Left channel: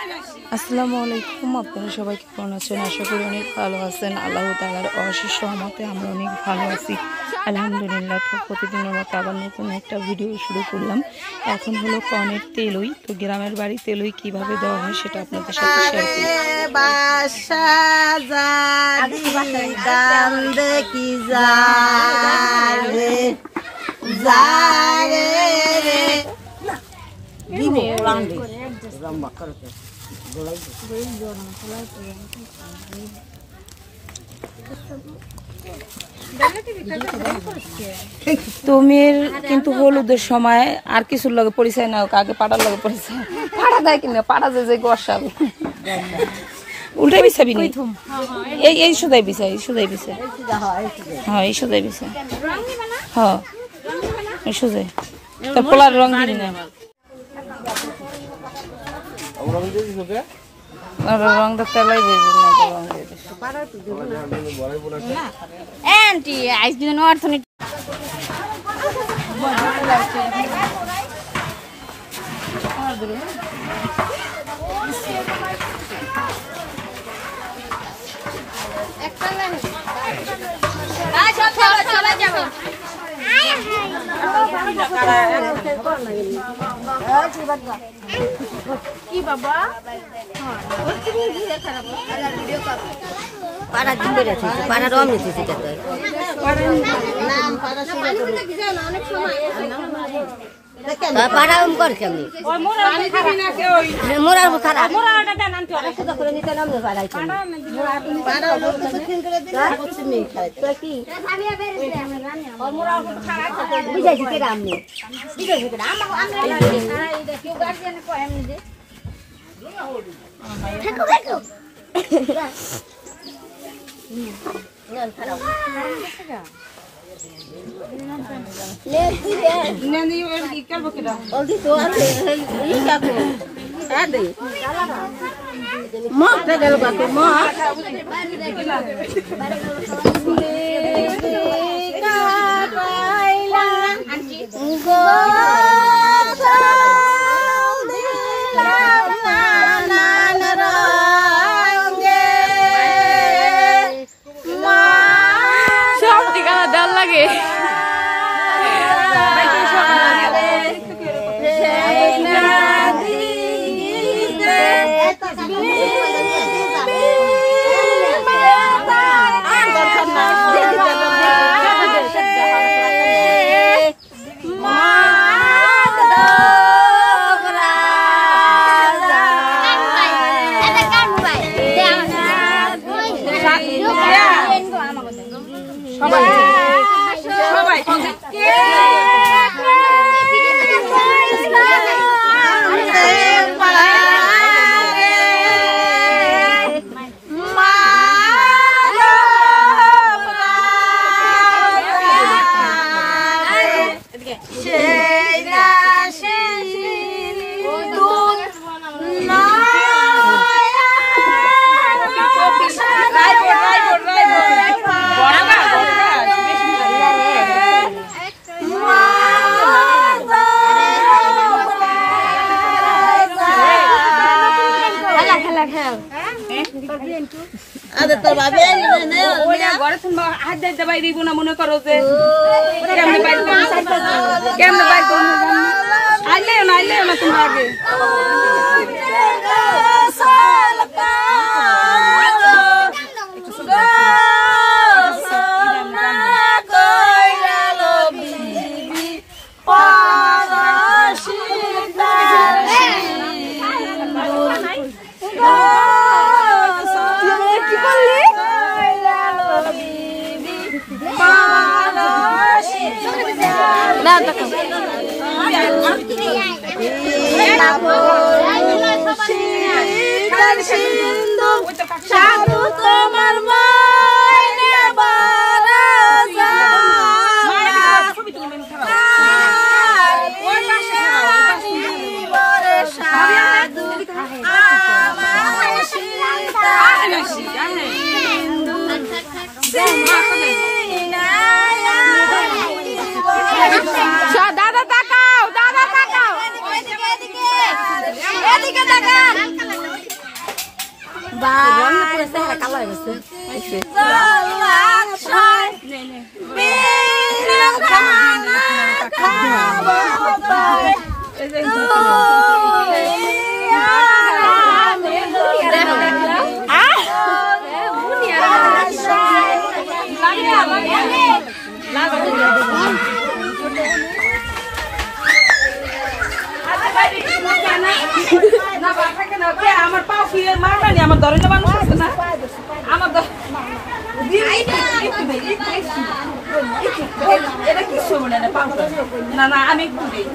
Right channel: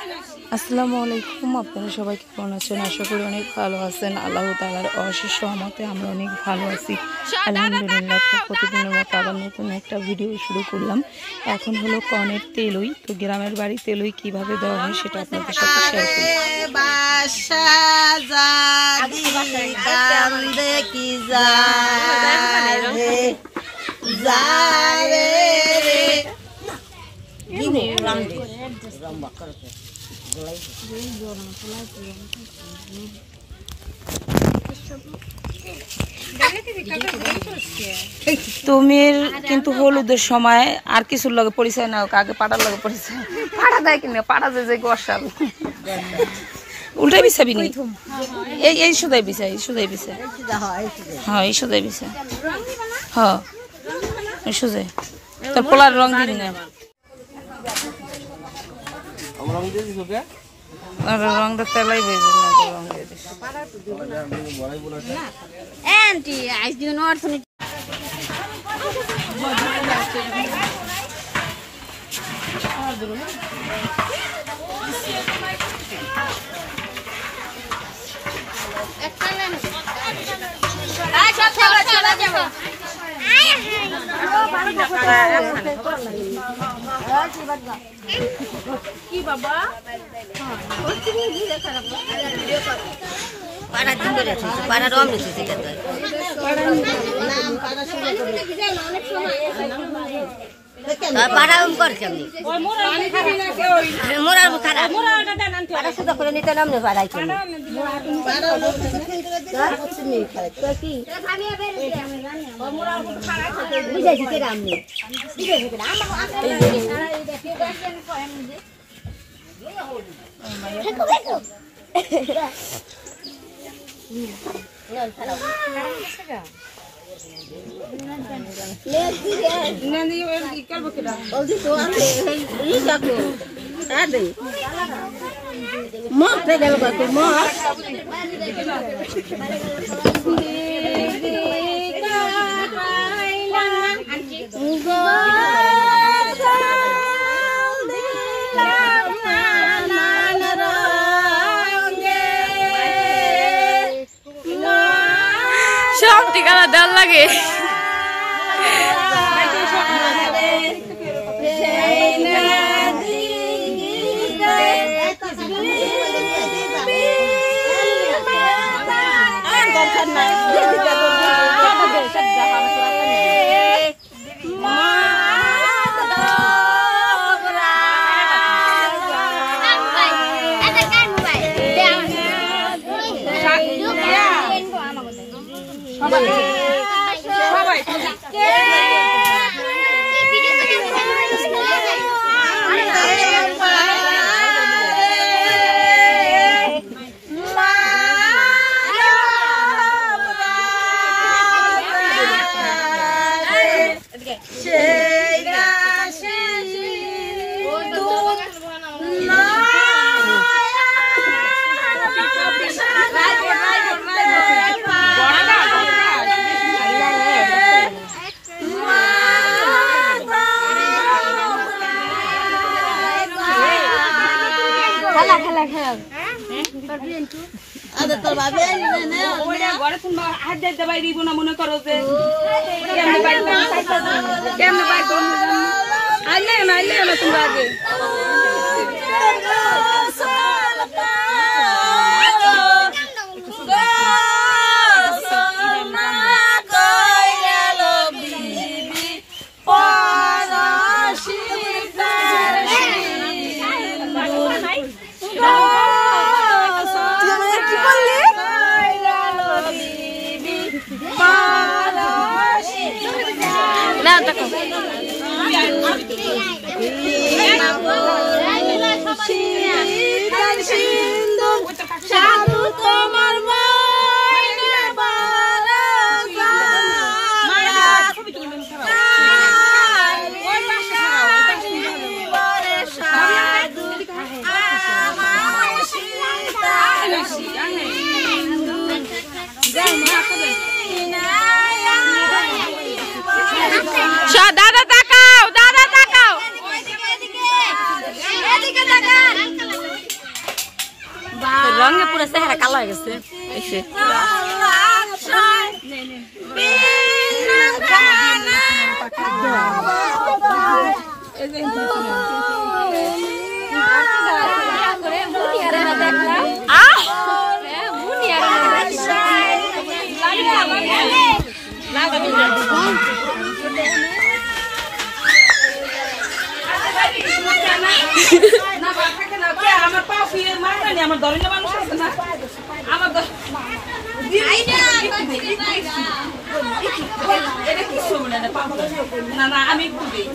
আসসালামু আলাইকুম, আপনারা সবাই কেমন আছেন? আশা করি অনেক ভালো আছেন। আল্লাহ তাআলার অশেষ রহমতে আমরা অনেক ভালো আছি, আলহামদুলিল্লাহ। তো প্রতিদিনের মতো আবার নতুন একটা ভিডিও শুরু করলাম। এখন হলো কনের তেলই। তো গ্রামের বাড়ি তেলই কিভাবে দেওয়া হয় সেটা আপনাদের সাথে শেয়ার করি। তুমির কিন্তু হলুদের সময় আর কিছুর লগে পরিচয় না, আগে পাড়ার লগে পরিচয়। পাড়া দেয় কিনা, পাড়া যে গসাল উল্টাই বিছাবি নি, এই সুদাই বিছাই, এই সুদাই বিছাই, হ্যাঁ এই সুদাই বিছাই, হ্যাঁ এই সুদাই। তার পোলার রং দিবি না, রংটা তেলাই বইবে না, রং দিয়ে দিস। সব ঠিকানা দেওয়ার লাগে। মনে করো যে না দেখো দাদা তাকাও, দাদা তাকাও। আমার পাও কি মারবানি আমার ধরে মানুষ আছে না আমার এটা কি সময় না পাও না না আমি একটু দেই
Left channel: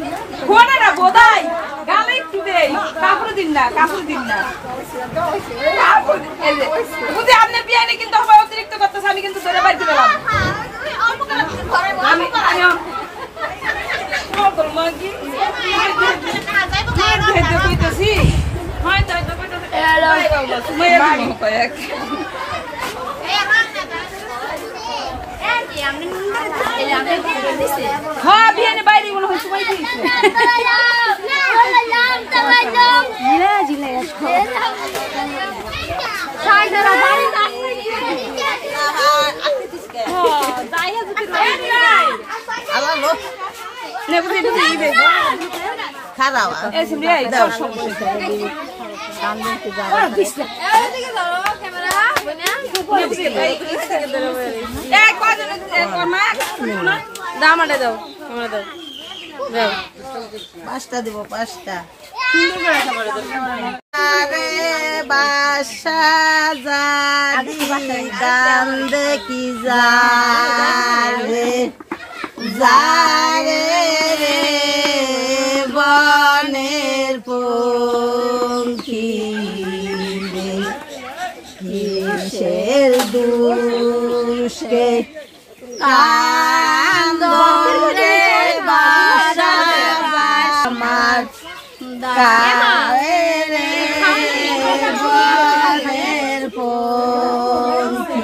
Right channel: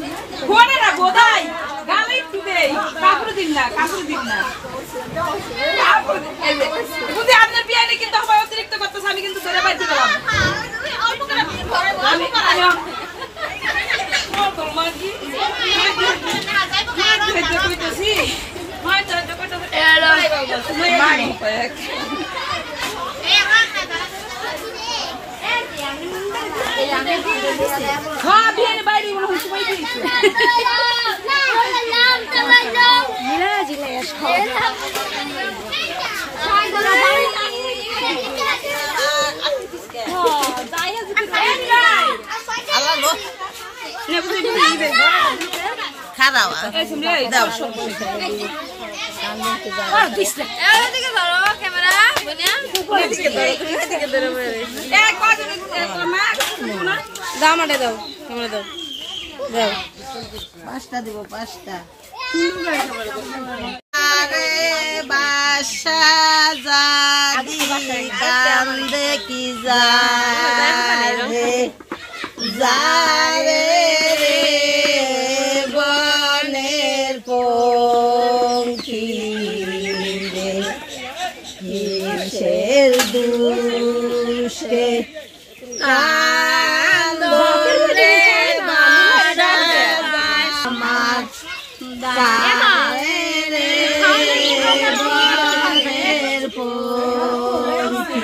ঘোড়া না বোধাই গালে একটু দেই কাপড় দিন না বুঝি আপনার বিয়ানে কিন্তু আমার অতিরিক্ত করতেছে আমি কিন্তু ধরে বাইতে গেলাম আমি কইতেছি হ্যাঁ বিয়ানে বাইরে মনে হয় তোমায় দিয়েছে পাঁচটা দেবো 5টা আরে বাসা জাদি কান্দে কি যারে যারে রে বনের পঙ্খী রে কিসের দুষ্কে কান্দরে বাসা আমার গায়ে বনের পঙ্খী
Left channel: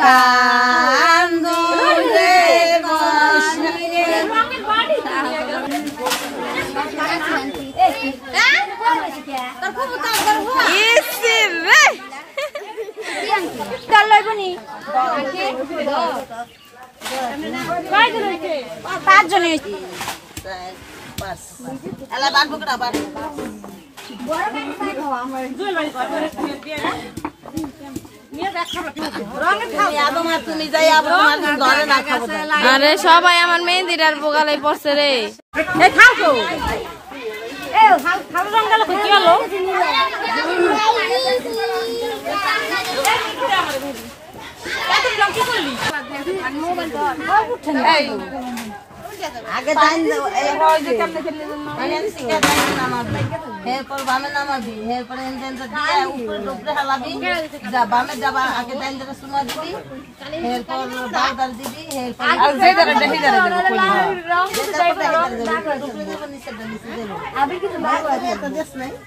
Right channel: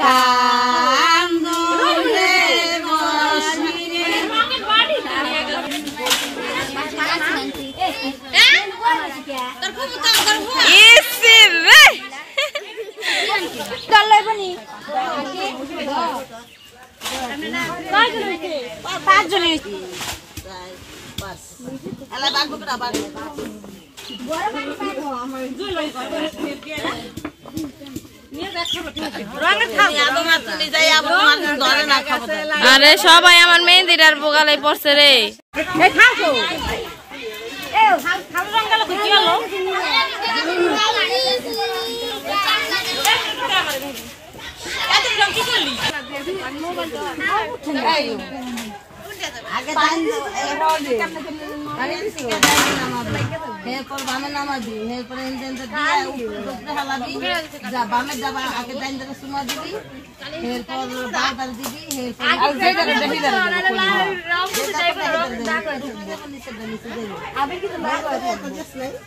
কান্দরে আরে সবাই আমার মেহেন্দিটার বোগালাই পড়ছে রে আগে এরপর বামে নামাবি এরপর উপরে হালাবি বামে যাবা আগে দাইন ধরে সুমা দিবি এরপর বাউদার দিবি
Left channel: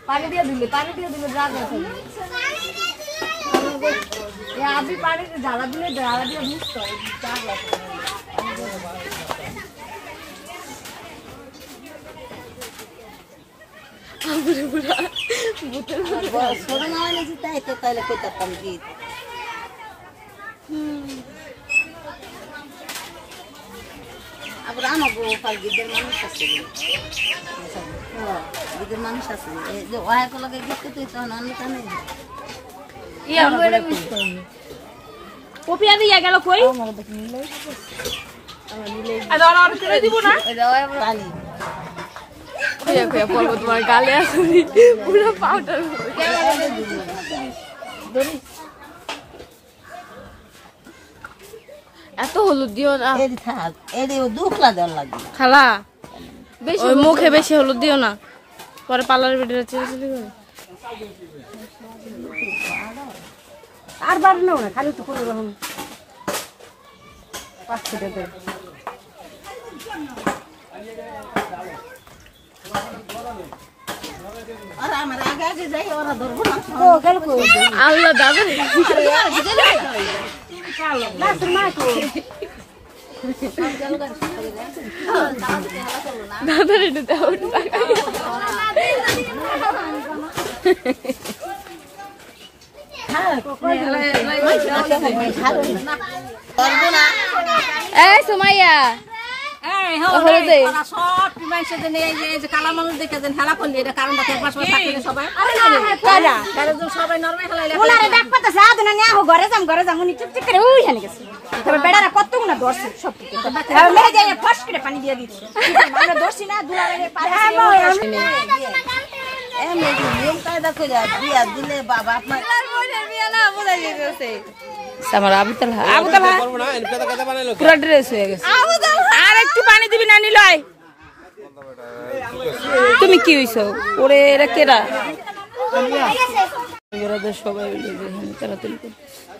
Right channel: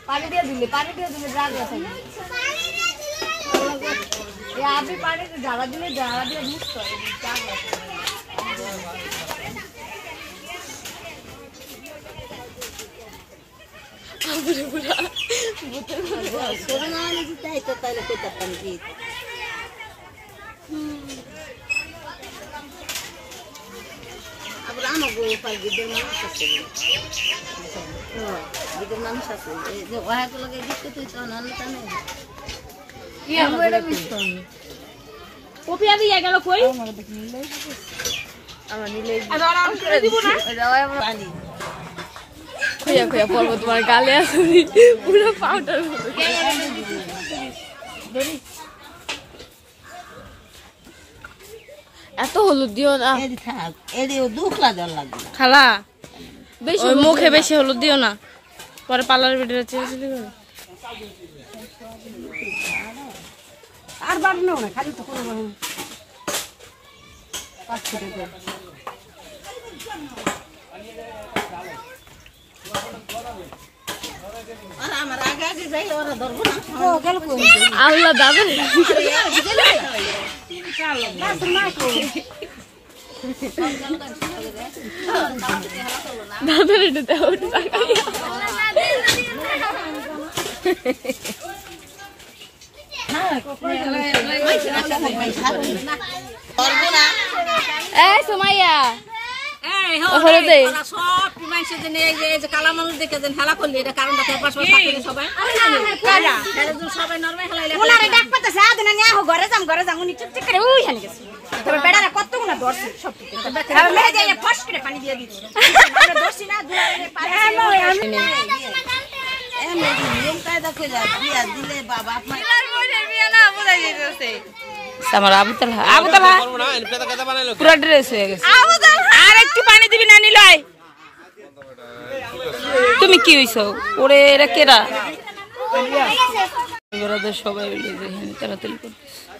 পানি দিয়ে দিলে আপনি পানি জ্বালা দিলে মিক্স হয় আবার আমার গিদের মানুষ আছে গিদের মানুষ আছে যে ওয়াকে লাগে গিফট করতে কপি আর ইয়া গেল কই বলবো তোমার গালে পুরো পাউডার এত হলুদ দিও না খালা ওই মুখে বেশি হলুদ দিও না পরে পার্লার ভিডিও চিলি করে আর বার নাও না খালি তো করে দাও আর আমার আগে আগে যাই ওরা ধরবো না ও গেল কই আল্লাহ দাদু চলো লাস্ট মাইকো দাদু রে দাও এই সুমাইয়া কালা মানুষ দেখে হেলা করলি এটা কারণ সবাই ঘরে যাম উনি চুপচুপ করে ওই হেলে গেছে বেড়ারা কত গুণা ধরছে সব ফস করে পানি দিয়ে দিচ্ছে ধরছি না দিলে বাবা আপনার আমার আবুতালা পুরো ড্রেস হয়ে গেছে আর একটু পানি দিবি না নিলয় তুমি কি হইছো ওরে এরা কেরা সবাই তাড়াতাড়ি করতেছে